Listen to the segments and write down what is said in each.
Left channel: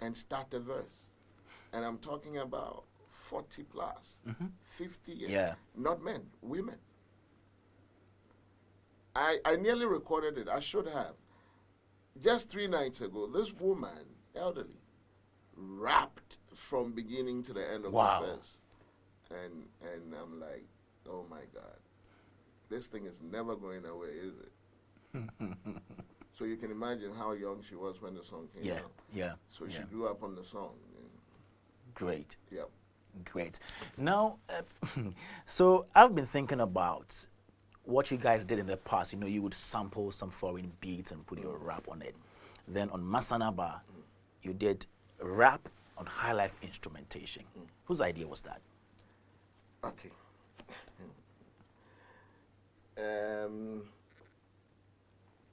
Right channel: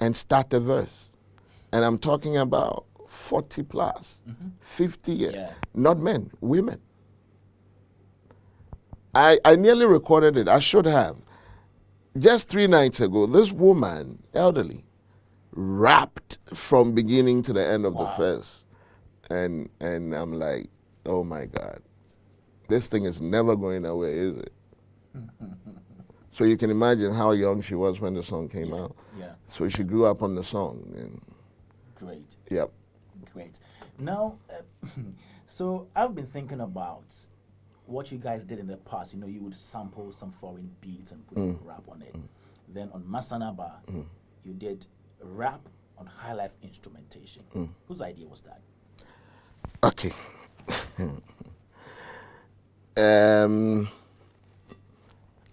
and start a verse. And I'm talking about 40 plus, 50 years. Yeah. Not men, women. I nearly recorded it. I should have. Just 3 nights ago, this woman, elderly, rapped from beginning to the end of the verse. And I'm like, oh my God. This thing is never going away, is it? So you can imagine how young she was when the song came out. Yeah. So she grew up on the song. And Great. Yep. Great. Now, so I've been thinking about what you guys did in the past. You know, you would sample some foreign beats and put your rap on it. Then on Masanaba, you did rap on high life instrumentation. Whose idea was that? Okay.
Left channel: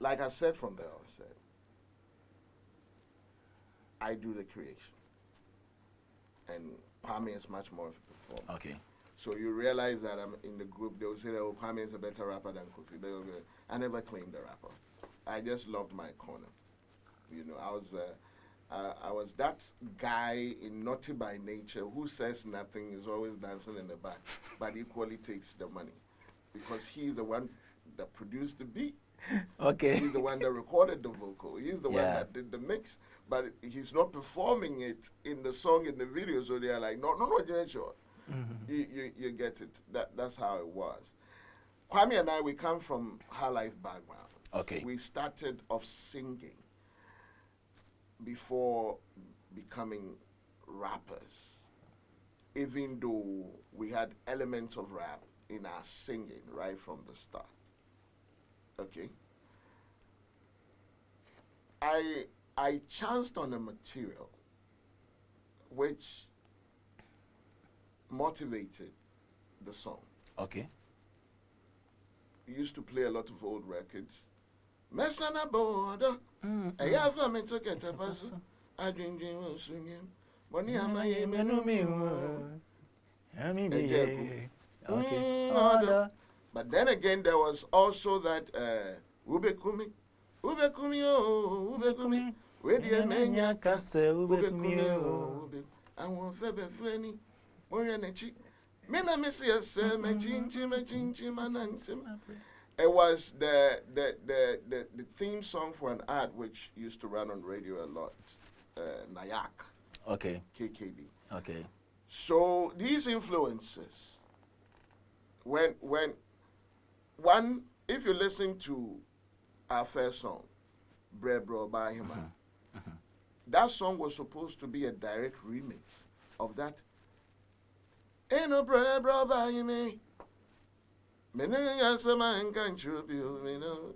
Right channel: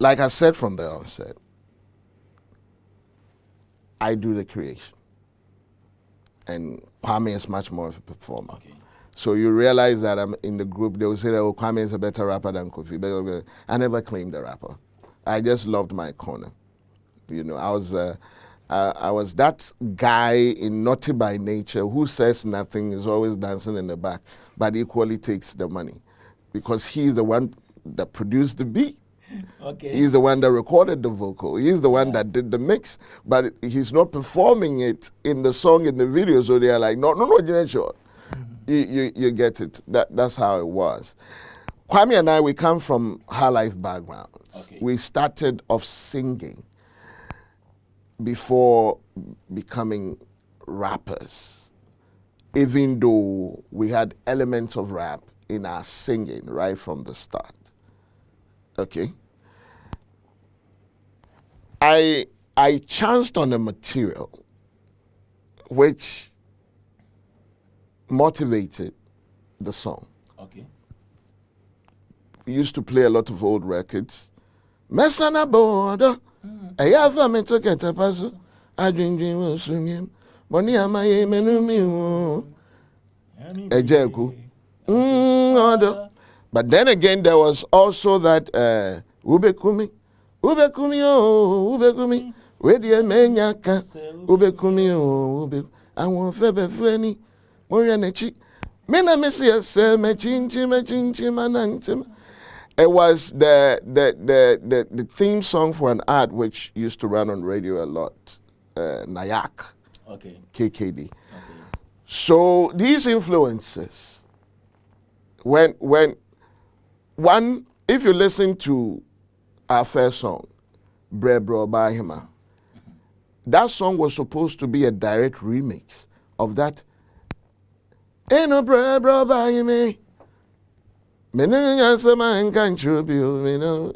Like I said from the onset, I do the creation. And Kuami is much more of a performer. Okay. So you realize that I'm in the group, they will say that, oh, Kuami is a better rapper than Quophi. I never claimed the rapper. I just loved my corner. You know, I was that guy in Naughty by Nature who says nothing, is always dancing in the back, but equally takes the money. Because he's the one that produced the beat. Okay. He's the one that recorded the vocal. He's the one that did the mix, but he's not performing it in the song, in the video. So they are like, no, sure. You get it. That's how it was. Kuami and I, we come from high life backgrounds. Okay. We started off singing before becoming rappers, even though we had elements of rap in our singing right from the start. Okay. I chanced on a material which motivated the song. Okay. We used to play a lot of old records. Mesana border, I have a mental get a puzzle. I drink will swing him. Bonnie amaye menumi. Ejeku. But then again, there was also that Ubekumi, oh, Ubekumi, where the Menyaka, Ubekumi, oh, I want Febe Frenny, Morianechi, Mena Messias, Machinchi, Manantim. It was the theme song for an ad which used to run on radio a lot, Nayak, Okay. KiDi. Okay. So these influences, when one, if you listen to our first song, Bre Bro Bahima, that song was supposed to be a direct remix of that. Ain't no Bre Bro Bahima.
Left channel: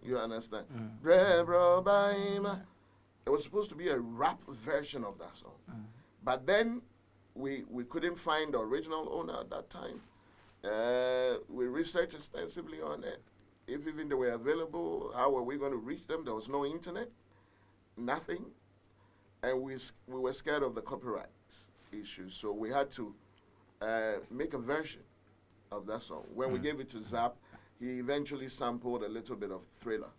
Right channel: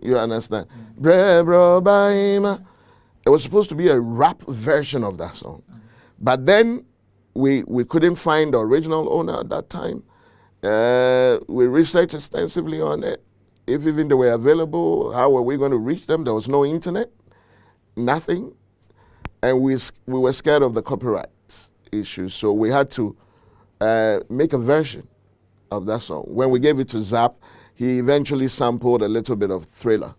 You understand? Bre Bro Bahima. It was supposed to be a rap version of that song. But then we couldn't find the original owner at that time. We researched extensively on it. If even they were available, how were we going to reach them? There was no internet, nothing. And we were scared of the copyright issues. So we had to make a version of that song. When we gave it to Zap, he eventually sampled a little bit of Thriller,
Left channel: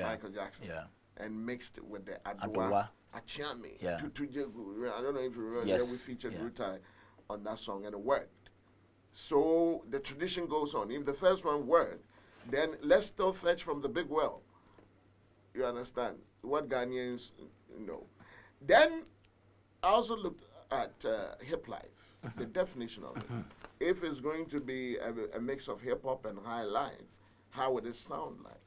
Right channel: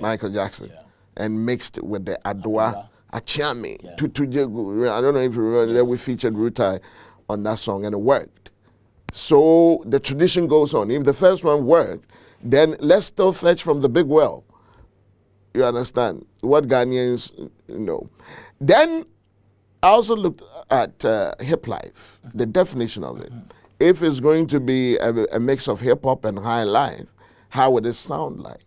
Michael Jackson, and mixed it with the Adwa Okyeame. I don't know if you remember, that we featured Rutai on that song, and it worked. So the tradition goes on. If the first one worked, then let's still fetch from the big well. You understand? What Ghanaians know. Then I also looked at Hiplife, the definition of it. If it's going to be a mix of hip-hop and high life, how would it sound like?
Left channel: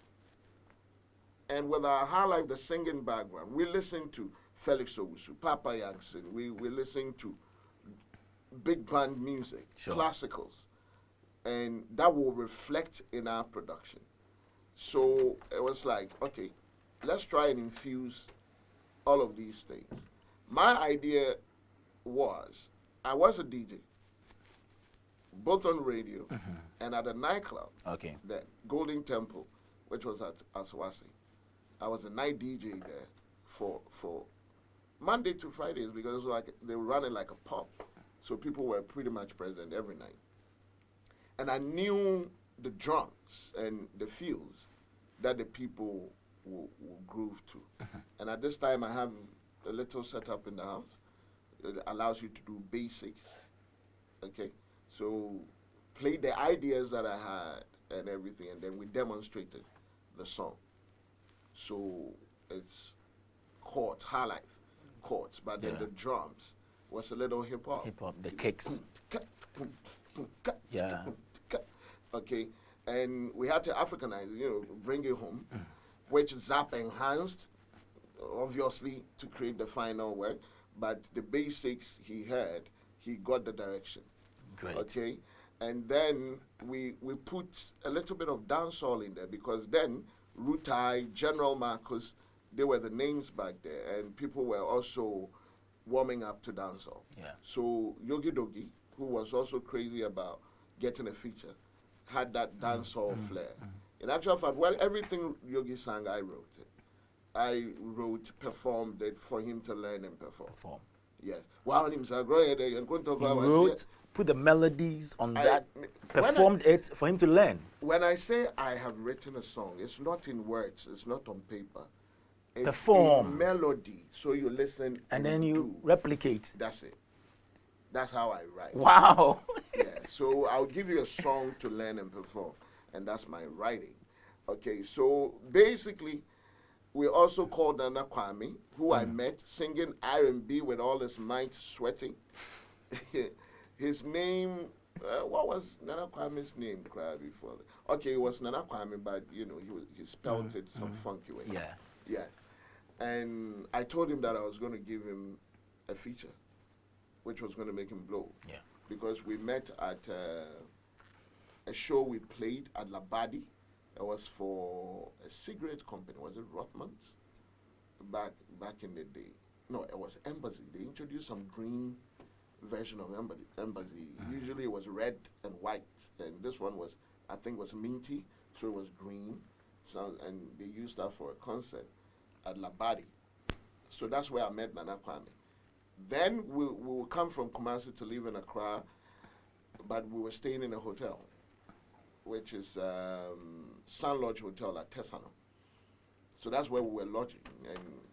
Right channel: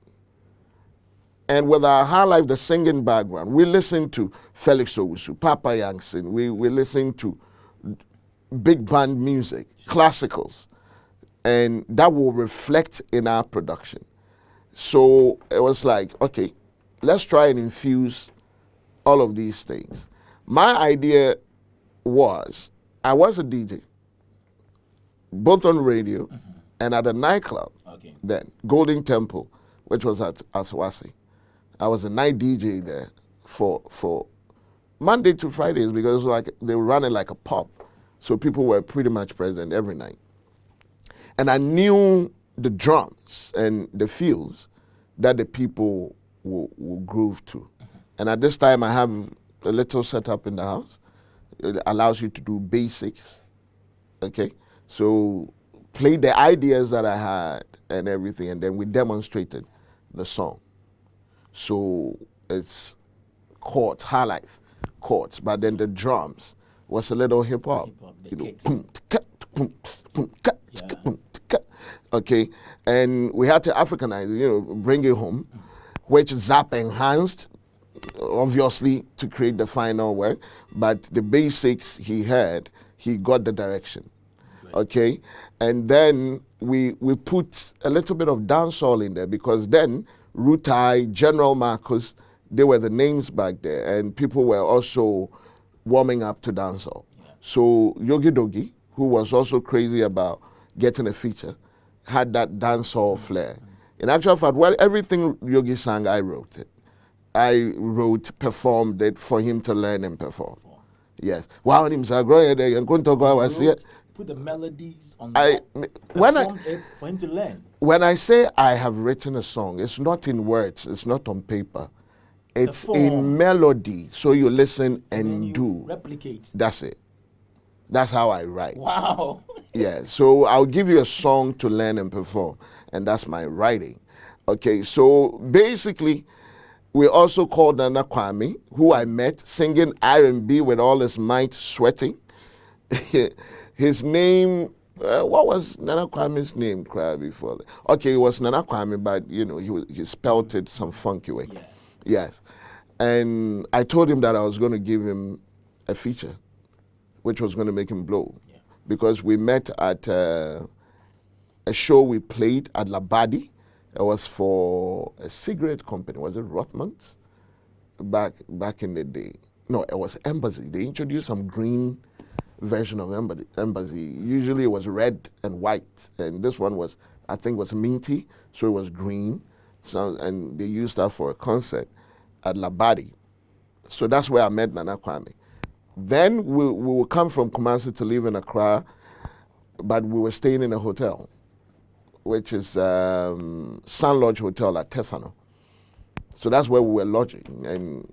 And with our high life, the singing background, we listen to Felix Owusu, Papa Yankson, we listen to big band music, classicals, and that will reflect in our production. So it was like, okay, let's try and infuse all of these things. My idea was, I was a DJ, both on radio and at a nightclub then, Golden Temple, which was at Aswasi. I was a night DJ there for Monday to Fridays, because it was like they were running like a pub. So people were pretty much present every night. And I knew the drums and the feels that the people will groove to. And at this time, I have a little setup in the house. it allows you to do basics. Okay, so play the ideas that I had and everything, and then we demonstrated the song. So it's chords, high life chords, but then the drums was a little hip hop. Hip-hop, the kicks. Yeah. Okay, and we had to Africanize it, bring it home, which Zap enhanced, obviously, to create the final work. But the basics he had, he got the direction. Great. Okay, and then we put a little bit of dancehall in there because then Rutai, General Marcus, they were the names back there, and people were also warming up to dancehall. Yeah. So Yogi Dogi, who was also crazy about getting a feature, had that dancehall flair. In actual fact, well, everything Yogi sang, I wrote it. I wrote, performed it for him to learn and perform. Yes. Wow, him say, Put the melodies on I- that, when I- performed it for him to learn. when I say I have written a song, it's not in words, it's not on paper. It's in Perform. melody. So you listen and, Then you do. replicate. That's it. That's how I write. Wow. Yeah, so I'll give you a song to learn and perform, and that's my writing. Okay, so basically, we also called Nana Kuami, who I met singing R&B with all his might, sweating. His name, what was Nana Kwami's name before that? Okay, it was Nana Kwame, but he spelled it some funky way. Yeah. Yes, and I told him that I was going to give him a feature, which was going to make him blow. Yeah. Because we met at a show we played at Labadi. It was for a cigarette company. Was it Rothmans? Back in the day. No, it was Embassy. They introduced some green version of Embassy. Usually it was red and white. And this one was, I think, was minty, so it was green. So, and they used that for a concert at Labadi. So that's where I met Nana Kwame. Then we would come from Kumasi to live in Accra, but we were staying in a hotel, which is Sun Lodge Hotel at Tesano. So that's where we were lodging. And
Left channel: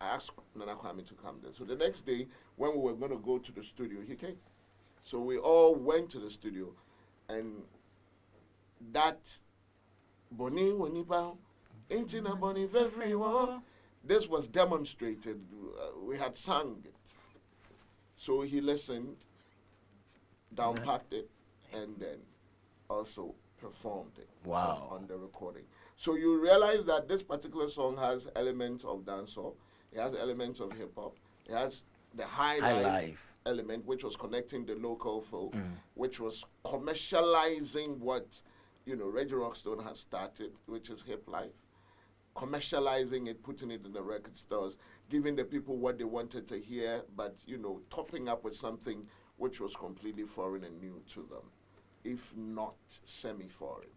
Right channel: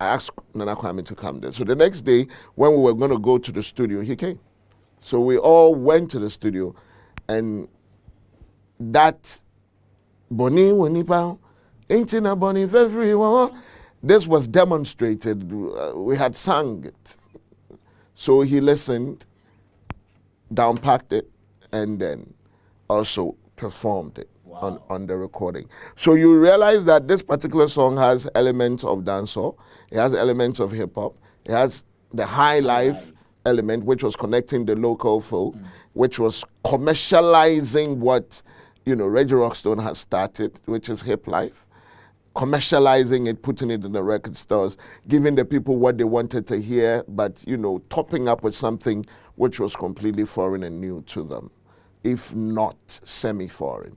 I asked Nana Kwame to come there. So the next day, when we were going to go to the studio, he came. So we all went to the studio, and that Boni Winipa, ain't in a Boni for everyone. This was demonstrated. We had sung it. So he listened, downpacked it, and then also performed it on the recording. So you realize that this particular song has elements of dancehall, it has elements of hip hop, it has the high life element, which was connecting the local folk, which was commercializing what Reggie Rockstone has started, which is Hiplife. Commercializing it, putting it in the record stores, giving the people what they wanted to hear, but topping up with something which was completely foreign and new to them, if not semi-foreign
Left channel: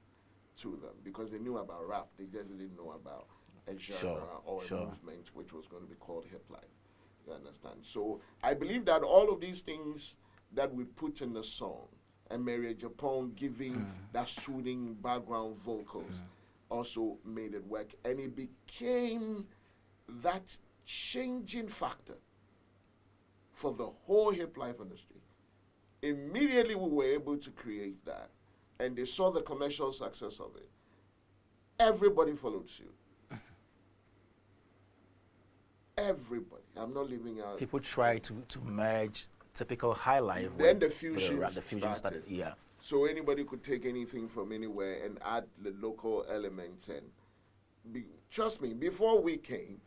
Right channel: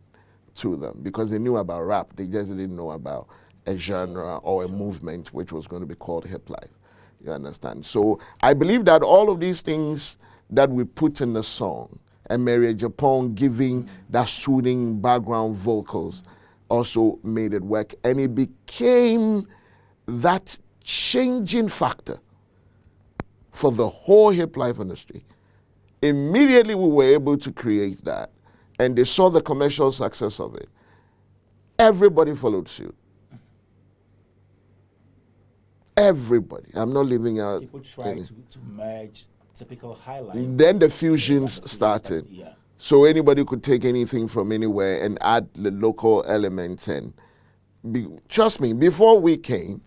to them, because they knew about rap, they just didn't know about a genre or a movement which was going to be called Hiplife. You understand? So I believe that all of these things that we put in the song, and Mary Japon giving that soothing background vocals, also made it work, and it became that changing factor for the whole hip life industry. Immediately we were able to create that, and they saw the commercial success of it. Everybody followed suit. Everybody. I'm not leaving out. People trying to merge typical highlight. Then the fusions started. Yeah. So anybody could take anything from anywhere and add the local elements. And trust me, before we came,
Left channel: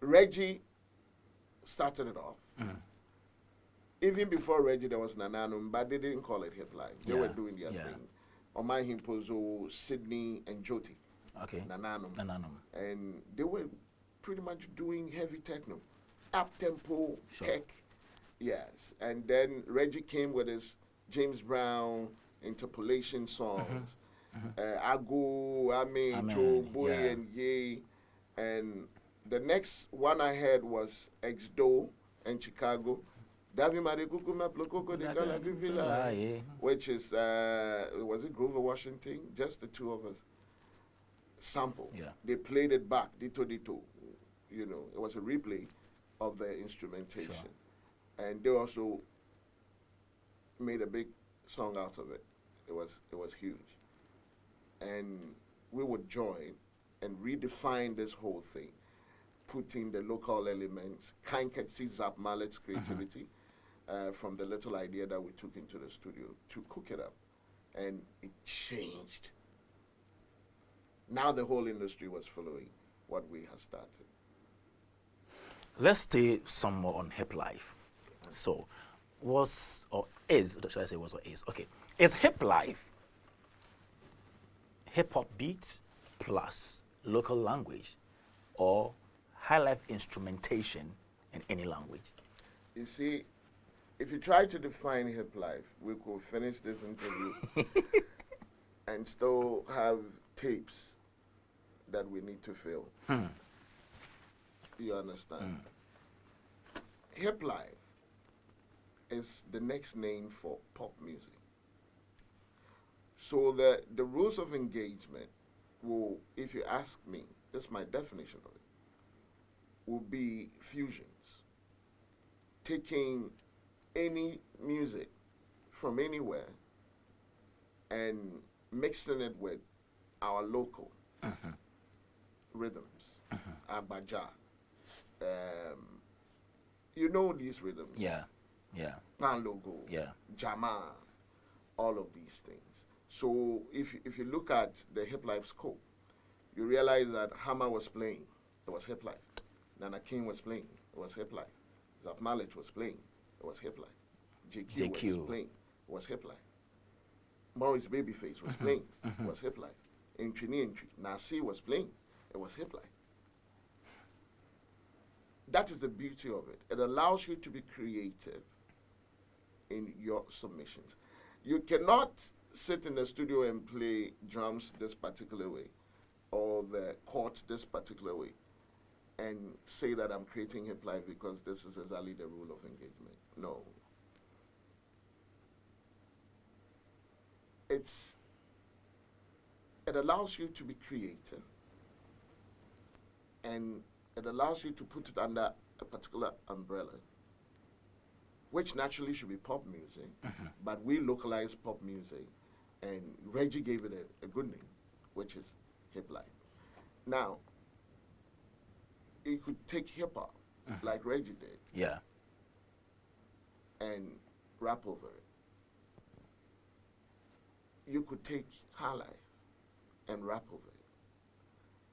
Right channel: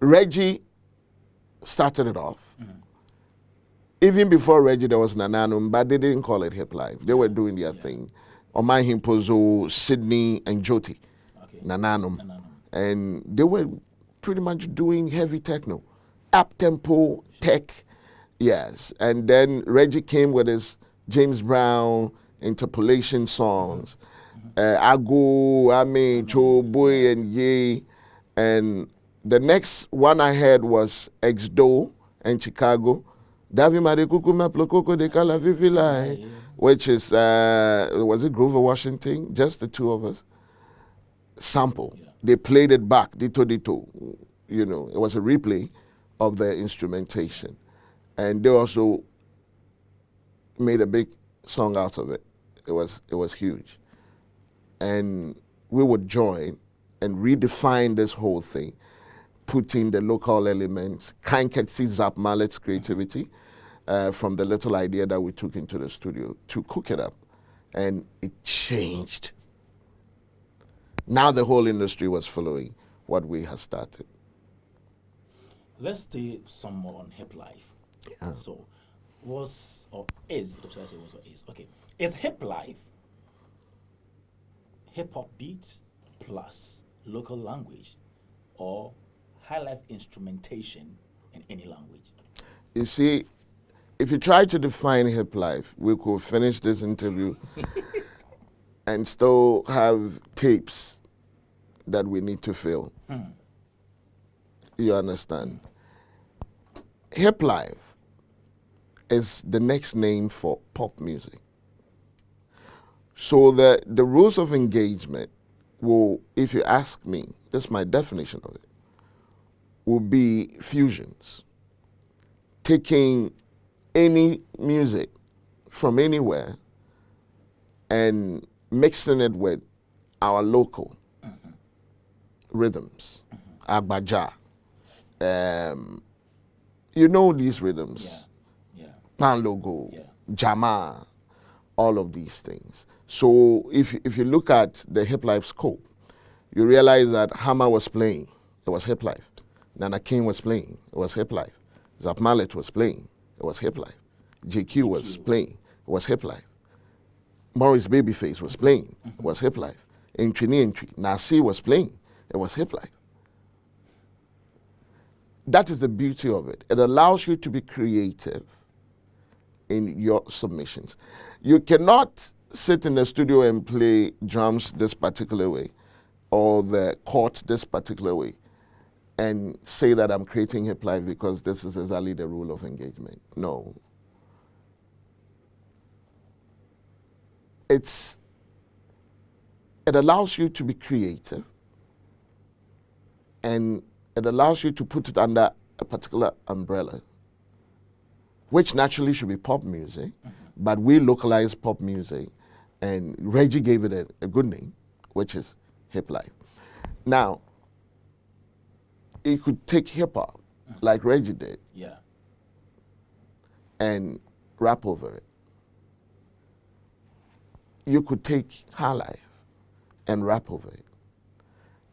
Reggie started it off. Even before Reggie, there was Nananum, but they didn't call it Hiplife. They were doing their thing. Omai Himpozo, Sydney, and Joti. Okay. Nananum. And they were pretty much doing heavy techno, up-tempo, tech. Yes. And then Reggie came with his James Brown interpolation songs, Ago, Ame, Cho, Boy, and Ye. And the next one I heard was Exdo in Chicago. Davi Marikuku Maplokoko de Kala Vivila, which is, was it Grover Washington? Just the two of us. Sample. Yeah. They played it back, dito. It was a replay of the instrumentation. and they also made a big song out of it. It was huge, and we would join and redefine this whole thing, put in the local elements, Kanketsi Zap Mallet's creativity from the little idea that we took into the studio to cook it up, and it changed. Now the whole industry was following what we had started. Let's stay some more on Hiplife. Yeah. So, was or is, should I say was or is? Okay. Is Hiplife hip hop beats plus local language or high life instrumentation in any language? You see, if you try to define Hiplife, we could finish this interview and still have tapes that we need to fill. You understand? Hiplife is the next name for pop music. So the rules of engagement will, if you ask me, this is my definition of it, will be fusions. Taking any music from anywhere and mixing it with our local rhythms, agbaja. You know these rhythms. Yeah. Panlogo, Yeah. Jama, all of these things. So if you look at the Hiplife scope, you realize that Hammer was playing, it was Hiplife. Nana King was playing, it was Hiplife. Zap Mallet was playing, it was Hiplife. JQ was playing, it was Hiplife. Morris Babyface was playing, it was Hiplife. Entry, Nasi was playing, it was Hiplife. That is the beauty of it. It allows you to be creative in your submissions. You cannot sit in the studio and play drums this particular way or the chords this particular way and say that I'm creating Hiplife because this is exactly the rule of engagement. No. It allows you to be creative, and it allows you to put it under a particular umbrella, which naturally should be pop music, but we localized pop music, and Reggie gave it a good name, which is Hiplife. Now, you could take hip hop, like Reggie did, and rap over it. You could take high life and rap over it.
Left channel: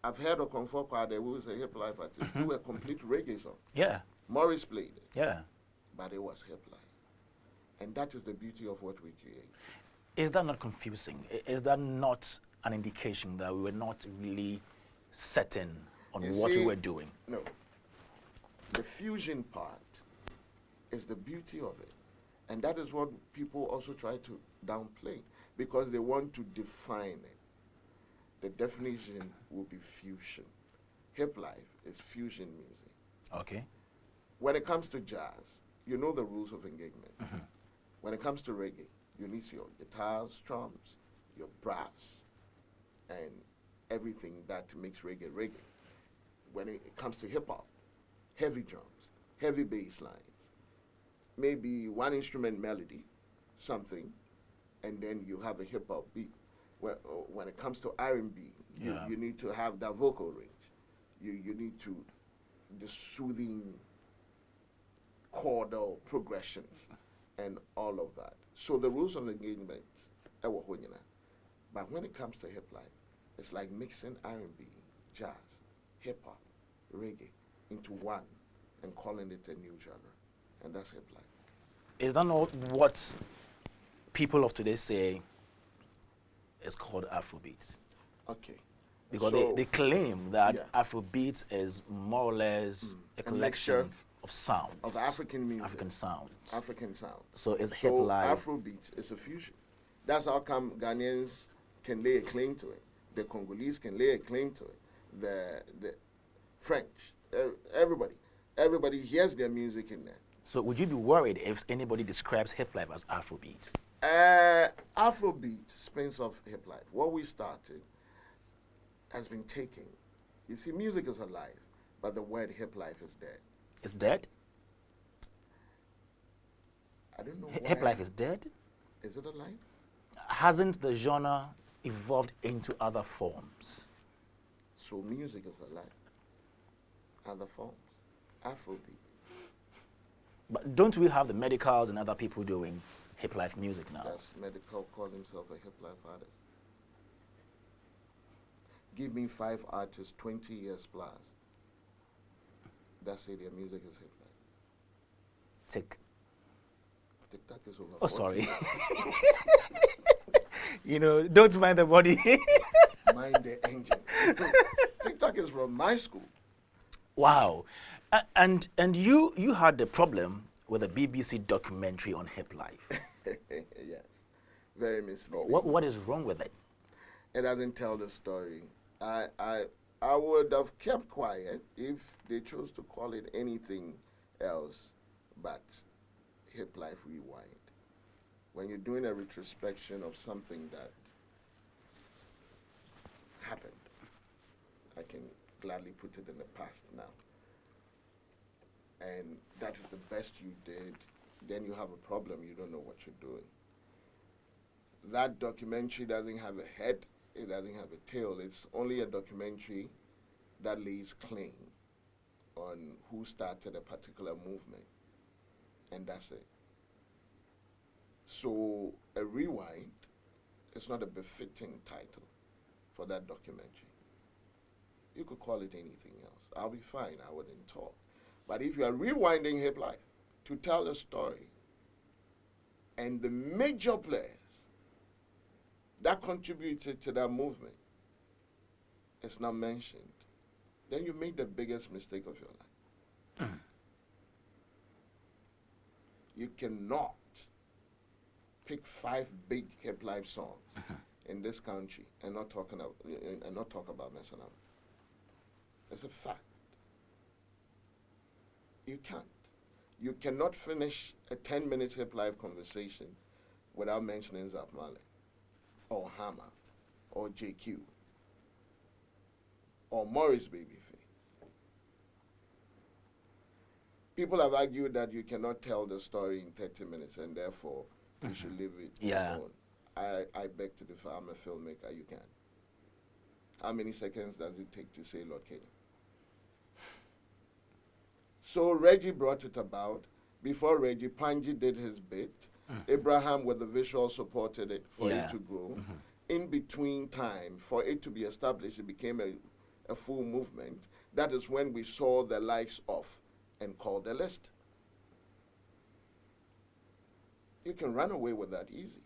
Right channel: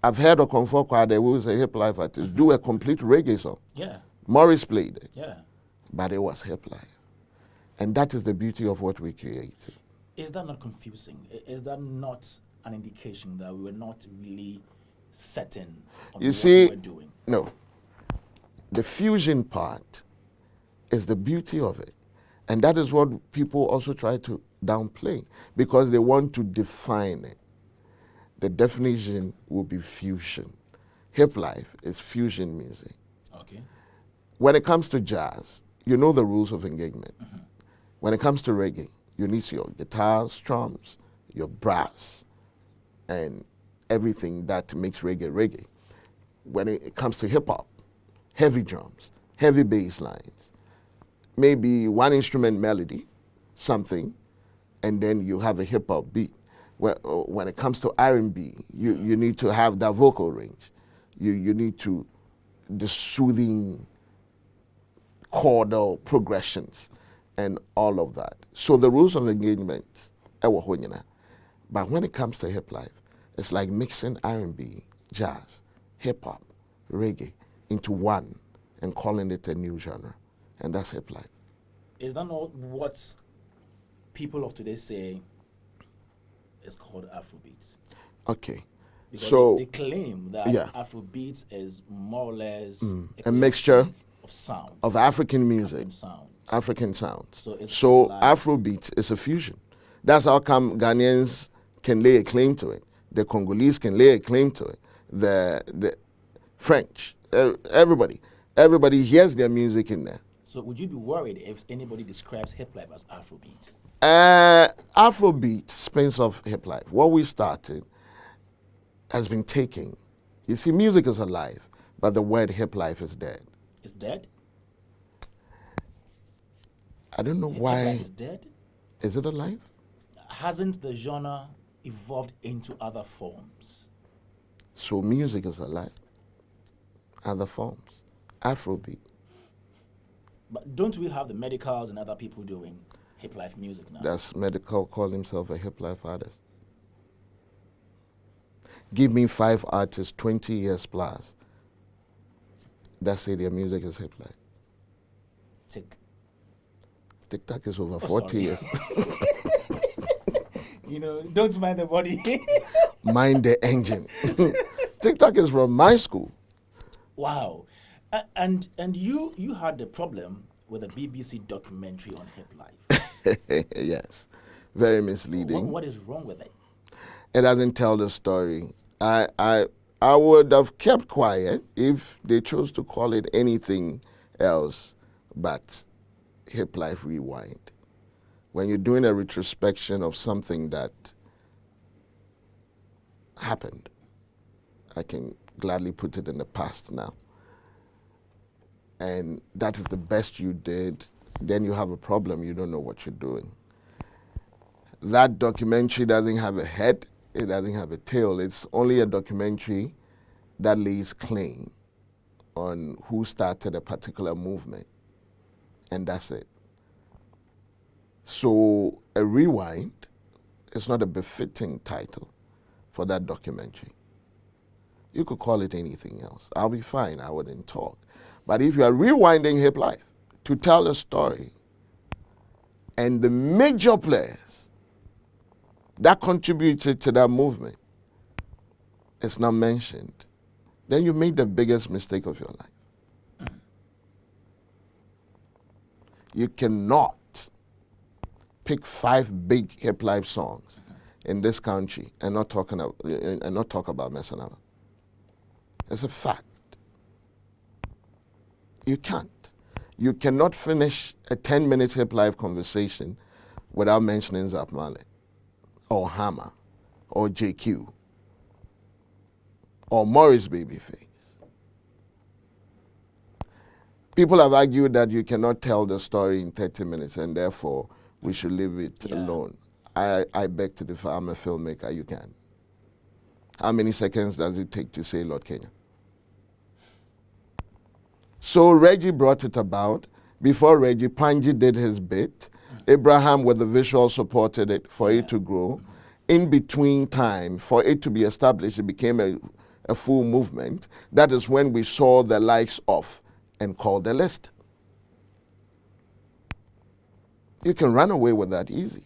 I've heard of Quophi Okyeame, who is a Hiplife artist, do a complete reggae song. Yeah. Morris played it. Yeah. But it was Hiplife. And that is the beauty of what we created. Is that not confusing? Is that not an indication that we were not really certain on what we were doing? No. The fusion part is the beauty of it. And that is what people also try to downplay because they want to define it. The definition will be fusion. Hiplife is fusion music. Okay. When it comes to jazz, you know the rules of engagement. When it comes to reggae, you need your guitars, drums, your brass, and everything that makes reggae reggae. When it comes to hip hop, heavy drums, heavy bass lines, maybe one instrument melody, something, and then you have a hip hop beat. When it comes to R&B, you need to have that vocal range. You need to the soothing chordal progressions and all of that. So the rules of engagement, but when it comes to Hiplife, it's like mixing R&B, jazz, hip hop, reggae into one and calling it a new genre, and that's Hiplife. Is that not what people of today say is called Afrobeats? Okay. Because so they claim that Afrobeats is more or less a mixture of sound. Of African music. African sound. So Afrobeats is a fusion. That's how come Ghanaians can lay a claim to it. The Congolese can lay a claim to it. The French, everybody hears their music in there. So would you be worried if anybody describes Hiplife as Afrobeats? Afrobeat spins off Hiplife. What we started has been taken. You see, music is alive, but the word Hiplife is dead. It's dead? I don't know Hip why. life is dead. Is it alive? Hasn't the genre evolved into other forms? So music is alive. Other forms. Afrobeat. But don't we have the medicals and other people doing hip life music now? That's medical call himself a hip life artist. Give me 5 artists 20 years plus that say their music is hip life. Tick. TikTok is over Oh, 40 sorry. years. You know, don't mind the body. Mind the engine. TikTok is from my school. Wow. And you had the problem with a BBC documentary on hip life. Yes. Very misleading. What is wrong with it? It doesn't tell the story. I would have kept quiet if they chose to call it anything else but Hip Life Rewind. When you're doing a retrospection of something that happened, I can gladly put it in the past now, and that is the best you did, then you have a problem. You don't know what you're doing. That documentary doesn't have a head. It doesn't have a tail. It's only a documentary that lays claim on who started a particular movement, and that's it. So a rewind is not a befitting title for that documentary. You could call it anything else. I'll be fine. I wouldn't talk. But if you are rewinding hip life to tell a story, and the major players that contributed to that movement is not mentioned, then you made the biggest mistake of your life. You cannot pick 5 big hip life songs in this country and not talk about M.anifest. It's a fact. You can't. You cannot finish a 10-minute hip life conversation without mentioning Zap Marley, or Hammer, or JQ, or Morris Babyface. People have argued that you cannot tell the story in 30 minutes and therefore we should leave it alone. I beg to differ. I'm a filmmaker. You can. How many seconds does it take to say Lord Kenya? So Reggie brought it about. Before Reggie, Panji did his bit. Abraham with the visual supported it for it to grow. In between time, for it to be established, it became a full movement. That is when we saw the likes of and called the list. You can run away with that easy.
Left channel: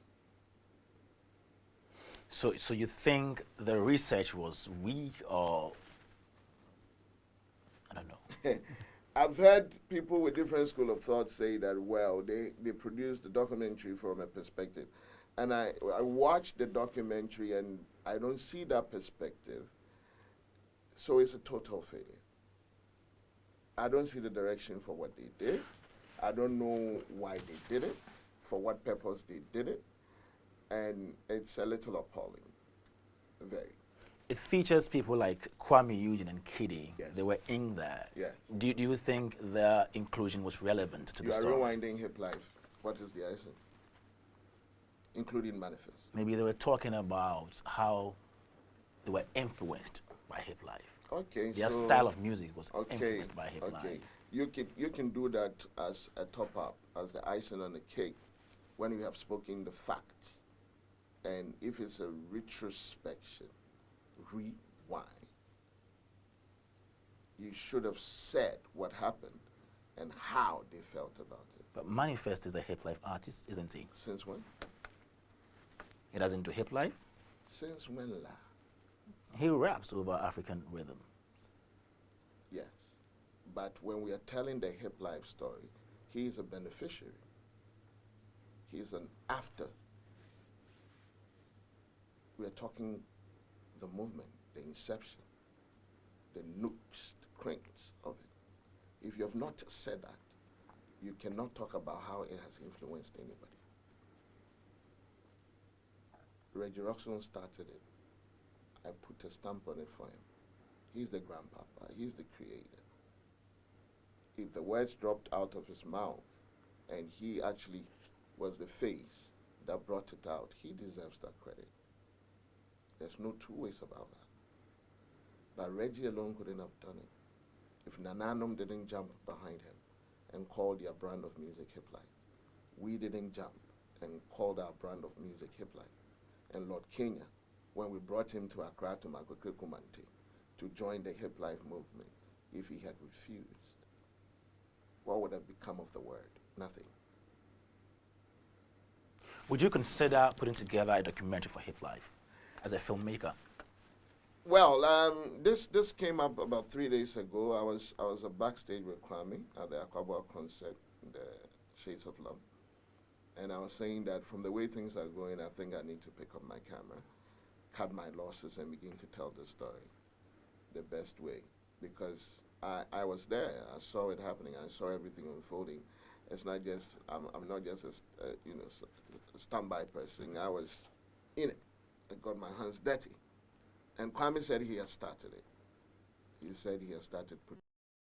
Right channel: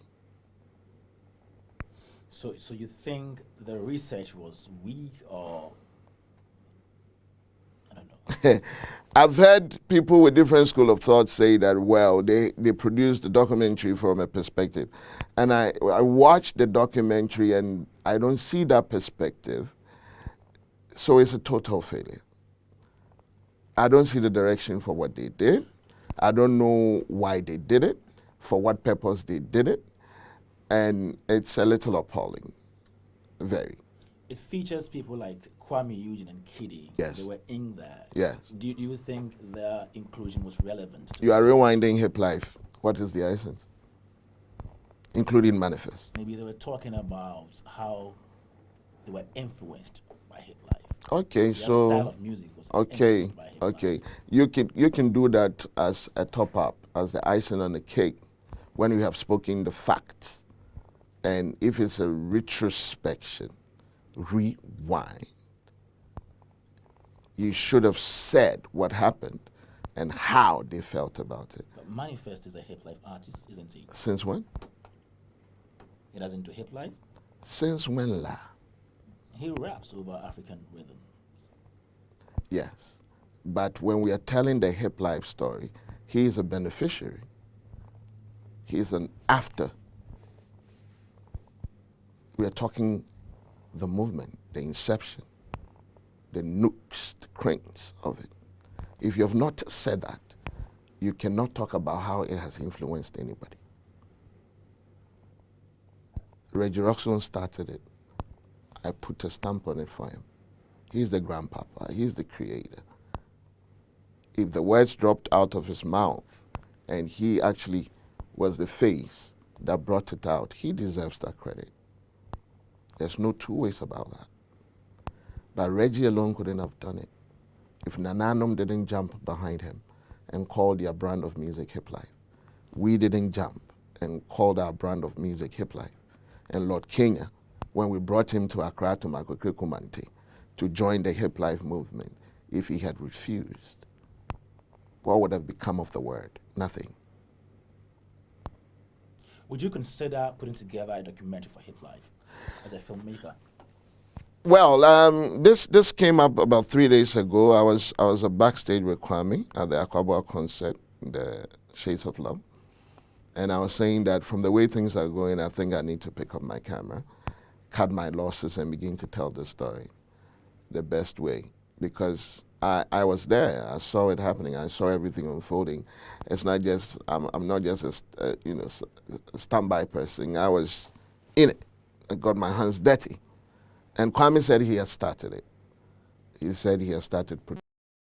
So you think the research was weak, or I don't know? I've heard people with different school of thought say that, well, they produced the documentary from a perspective. And I watched the documentary and I don't see that perspective. So it's a total failure. I don't see the direction for what they did. I don't know why they did it, for what purpose they did it. And it's a little appalling, very. It features people like Kuami Eugene and KiDi. Yes. They were in there. Yes. Do you think their inclusion was relevant to You the are story? rewinding hip life. What is the essence? Including M.anifest. Maybe they were talking about how they were influenced by hip life. Okay, Their so style of music was okay, influenced by hip life. okay. You can do that as a top up, as the icing on the cake, when you have spoken the facts. And if it's a retrospection, rewind, you should have said what happened and how they felt about it. But M.anifest is a hip life artist, isn't he? Since when? He doesn't do hip life. Since when, la? He raps over African rhythms. Yes. But when we are telling the hip life story, he is a beneficiary. He is an after. We are talking the movement, the inception, the nooks, the cranks of it. If you have not said that, you cannot talk about how it has influenced anybody. Reggie Roxlon started it. I put a stamp on it for him. He's the grandpapa. He's the creator. If the words dropped out of his mouth and he actually was the face that brought it out. He deserves that credit. There's no two ways about that. But Reggie alone couldn't have done it if Nananom didn't jump behind him and call their brand of music Hiplife. We didn't jump and called our brand of music Hiplife. And Lord Kenya, when we brought him to Accra to Makwekwekumanti to join the Hiplife movement, if he had refused, what would have become of the word? Nothing. Would you consider putting together a documentary for Hiplife as a filmmaker? Well, this came up about 3 days ago. I was backstage with Kuami at the Akwaboah concert, the Shades of Love, and I was saying that from the way things are going, I think I need to pick up my camera, cut my losses, and begin to tell the story the best way, because I was there. I saw it happening. I saw everything unfolding. It's not just I'm not just a standby person. I was in it. I got my hands dirty. And Kwame said he had started it. He said he had started